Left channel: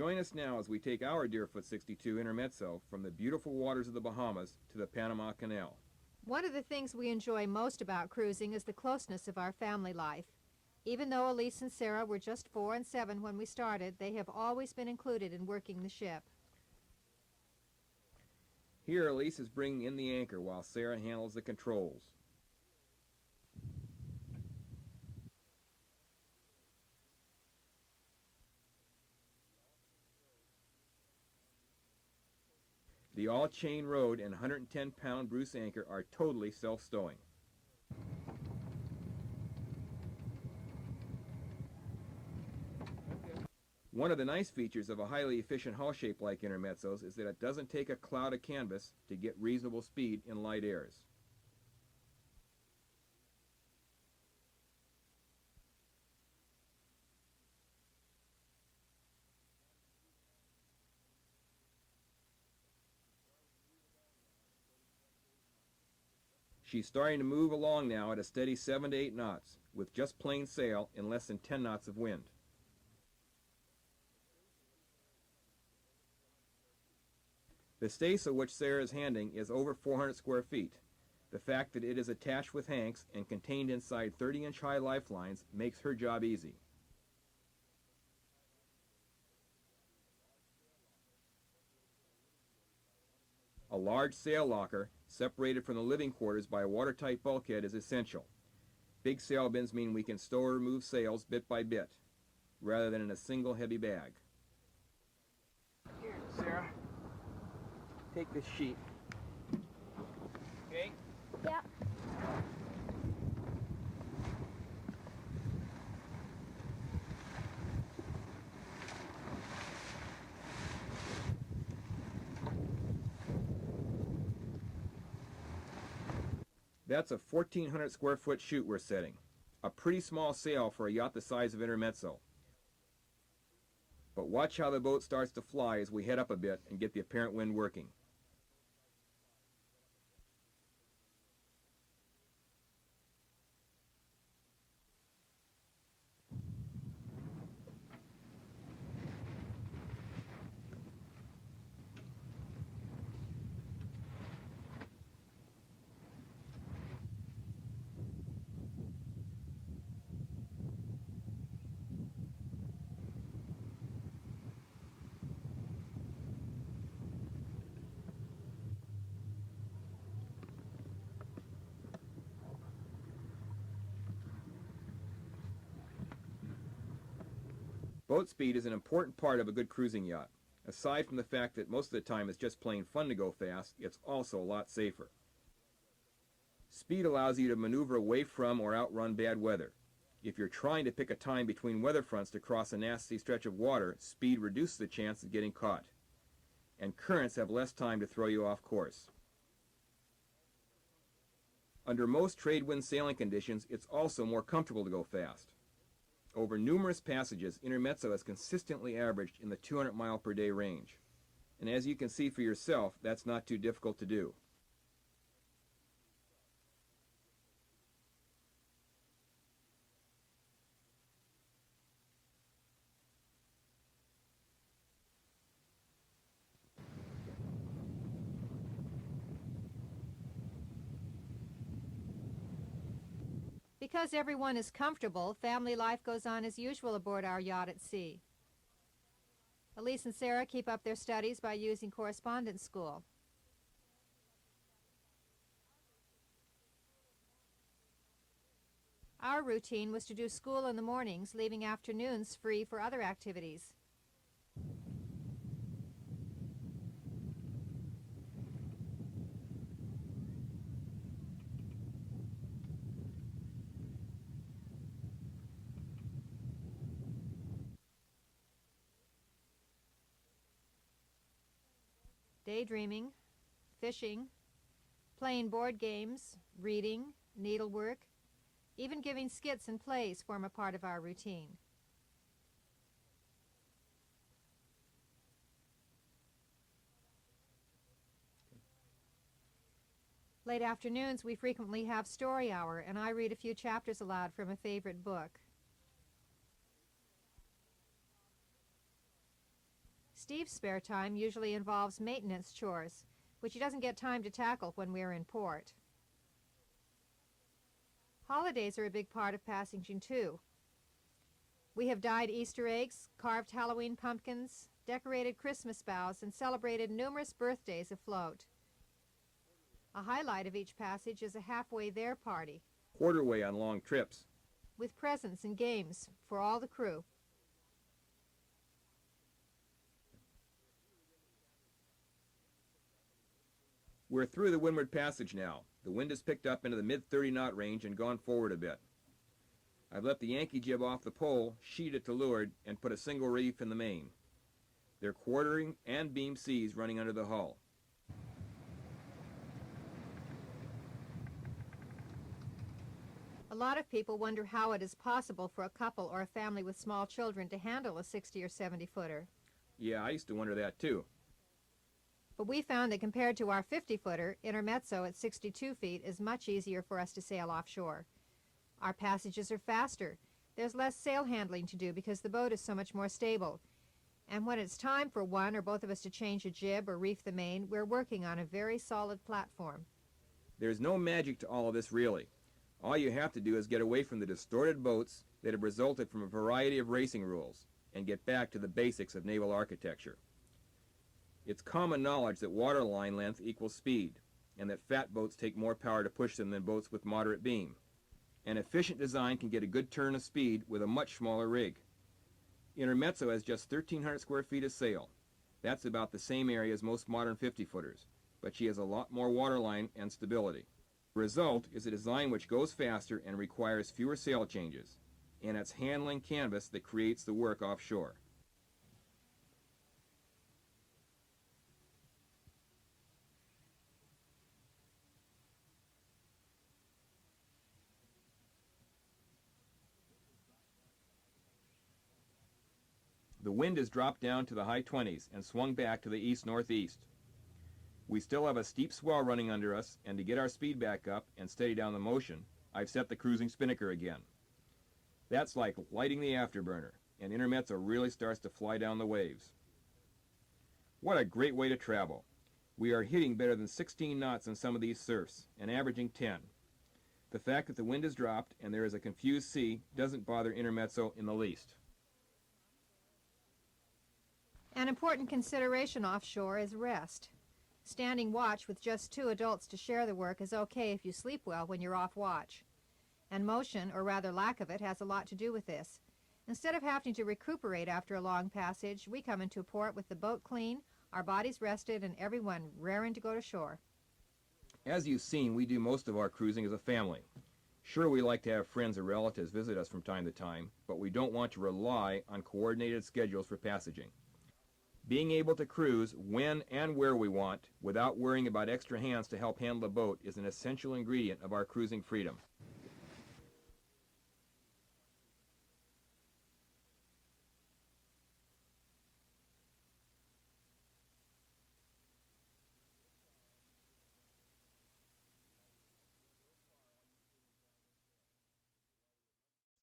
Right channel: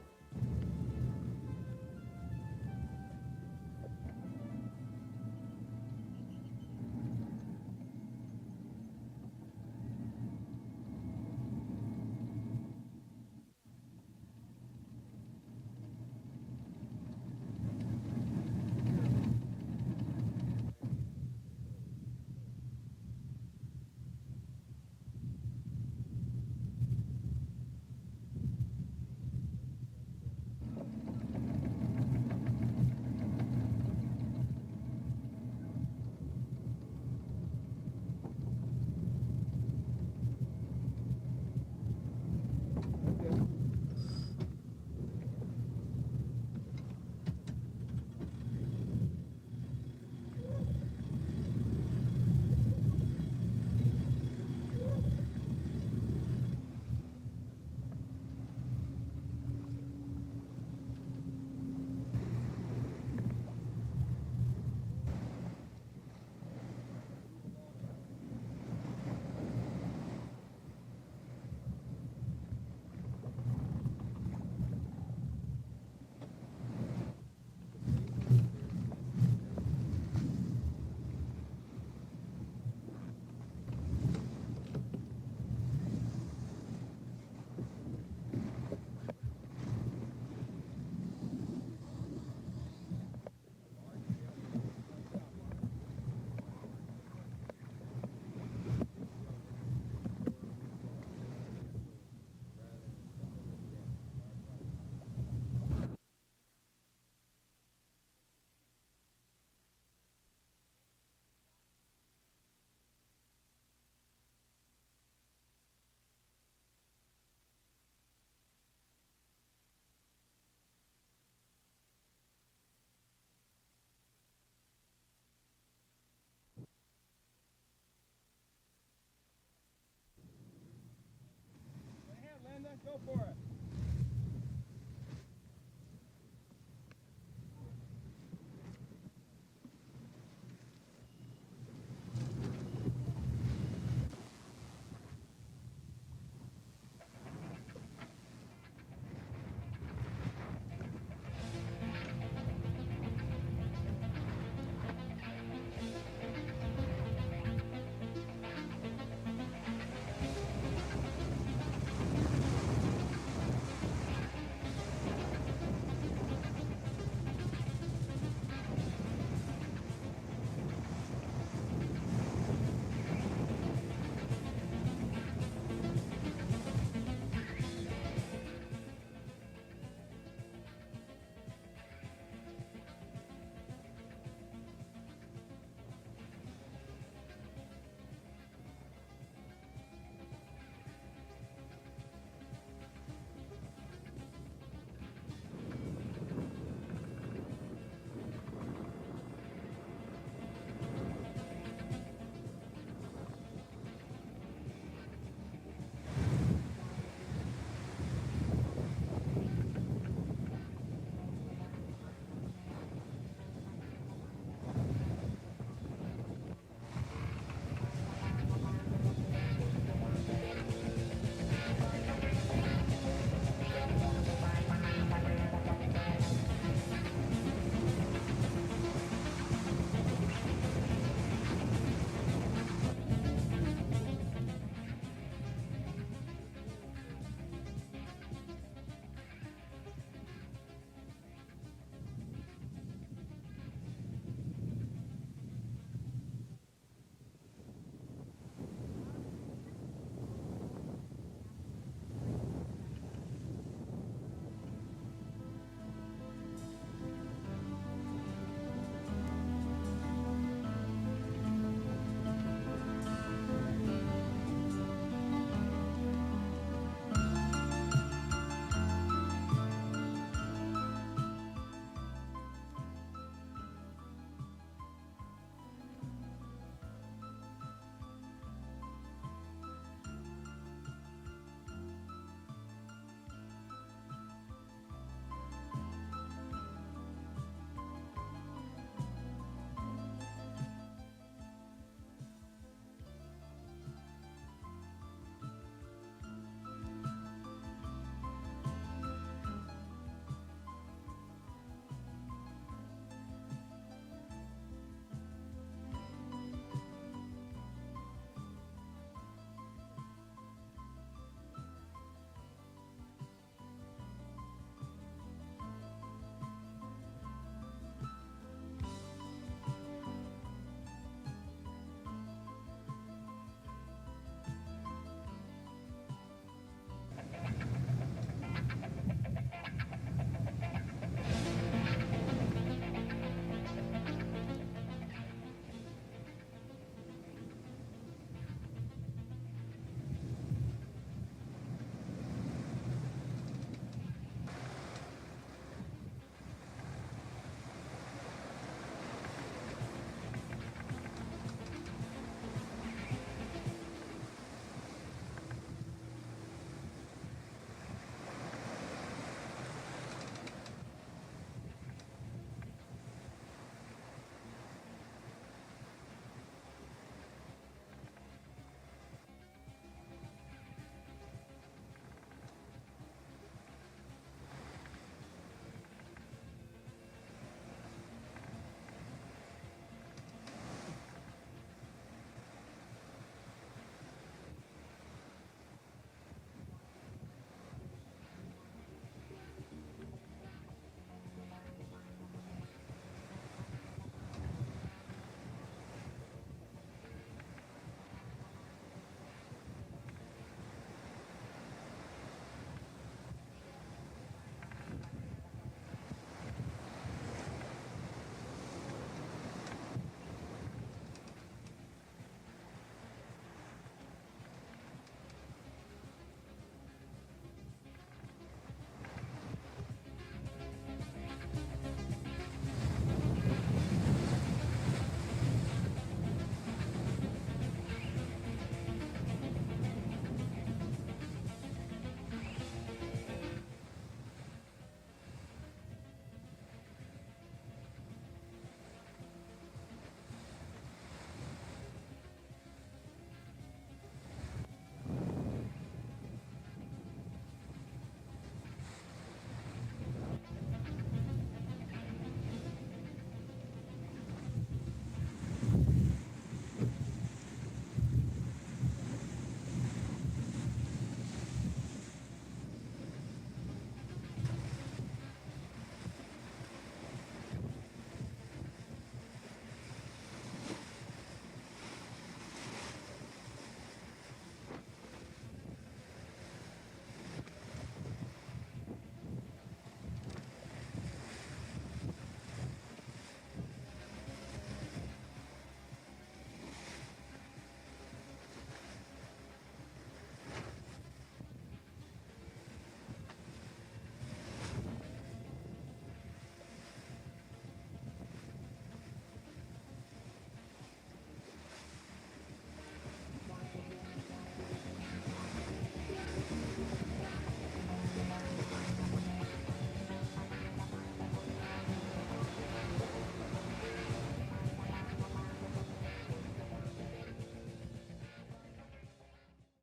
Join us now as we take our Deerfoot 62 intermezzo from the beautiful waters of the Bahamas to the Panama Canal. One of the things we enjoy most about cruising is the closeness of our family life. Even though Elise and Sarah were just 4 and 7 when we started, they have always been included in working the ship. Here, Elise is bringing in the anchor while Sarah handles the controls. The all-chain rode and 110-pound Bruce anchor are totally self-stowing. One of the nice features of a highly efficient hull shape like intermezzos is that it doesn't take a cloud of canvas to get reasonable speed in light airs. She's starting to move along now at a steady 7 to 8 knots with just plain sail and less than 10 knots of wind. The staysail which Sarah is handling is over 400 square feet. The fact that it is attached with hanks and contained inside 30-inch high lifelines makes her job easy. A large sail locker, separated from the living quarters by a watertight bulkhead, is essential. Big sail bins mean we can stow or remove sails bit by bit, rather than in a single heavy bag. Here, Sarah, take this sheet. Okay? Yep. That's a 1,400 square foot chute we're setting. A pretty small sail for a yacht the size of Intermezzo. Go for it. But watch how the boat starts to fly as we head up a bit and get the apparent wind working. Boat speed is an important part of a good cruising yacht. Aside from the fact that most of the time it's just plain fun to go fast, it's also a lot safer. Speed allows you to maneuver away from or outrun bad weather. If you're trying to pick a time between weather fronts to cross a nasty stretch of water, speed reduces the chance of getting caught. And currents have less time to throw you off course. Under most trade wind sailing conditions, it's also more comfortable to go fast. Over numerous passages, Intermezzo has consistently averaged the 200 mile per day range. And as you can see for yourself, that's not too difficult to do. Everyone is comfortable, family life goes on as usual aboard our yacht at sea. Elise and Sarah keep up their studies by using correspondence school. Our routine was to do school in the mornings, leaving afternoons free for other activities. Daydreaming, fishing, playing board games, reading, needlework, even giving skits and plays form a part of our routine. Late afternoons, we frequently have story hour, and I read a few chapters aloud from a favorite book. Steve's spare time usually involves maintenance chores, which he doesn't get time to tackle when we're in port. Holidays are a big part of passaging too. We have dyed Easter eggs, carved Halloween pumpkins, decorated Christmas boughs, and celebrated numerous birthdays afloat. A highlight of each passage is a halfway there party, Quarterway on long trips. with presents and games for all the crew. We're through the Windward Passage now. The wind has picked up into the mid-30 knot range and gone forward a bit. I've let the Yankee jib off the pole, sheeted to leeward, and put a single reef in the main. They're quartering and beam C's running under the hull. A lot of people wonder how it is possible for a couple or a family with small children to handle a 60 or 70 footer. Yeah, I used to wonder that too. But we found that compared to our 50-footer, Intermezzo at 62 feet is much easier for us to sail offshore. Our passages are faster. There's less sail handling to do because the boat is so much more stable. And when it's time for one or both of us to change a jib or reef the main, we're working on a very solid platform. There's no magic to all of this really. All you have to do is get away from the distorted boats that have resulted from a variety of racing rules and get back to the basics of naval architecture. It's common knowledge that waterline length equals speed, and that fat boats take more power to push them than boats with moderate beam. An efficient design can get a good turn of speed with a much smaller rig. Intermezzo has just 1,300 square feet of sail. That's about the same area as most modern 50-footers, but she has a lot more waterline and stability. The result is a design which goes faster and requires fewer sail changes, and it's handling canvas that creates the work offshore. The wind has dropped down to the high 20s and swung back to the east-northeast. We still have a steep swell running under us, and to get our speed back up and steady down the motion, I've set the cruising spinnaker again. That's like lighting the afterburner, and Intermezzo really starts to fly down the waves. What a great way to travel. We are hitting better than 16 knots in some of these surfs, and averaging 10. The fact that the wind has dropped and there is a confused sea doesn't bother Intermezzo in the least. An important consideration offshore is rest. Standing watch with just 2 adults to share the work is okay if you sleep well when you're off watch. And motion, or rather lack of it, has a lot to do with this. Instead of having to recuperate after a long passage, we come into port with the boat clean, our bodies rested, and everyone raring to go to shore. As you've seen, we do most of our cruising as a family. Sure, we like to have friends or relatives visit us from time to time, but we don't want to rely on coordinated schedules for passaging. Being able to cruise when and where we want without worrying about extra hands to help handle the boat is an essential ingredient of our cruising freedom.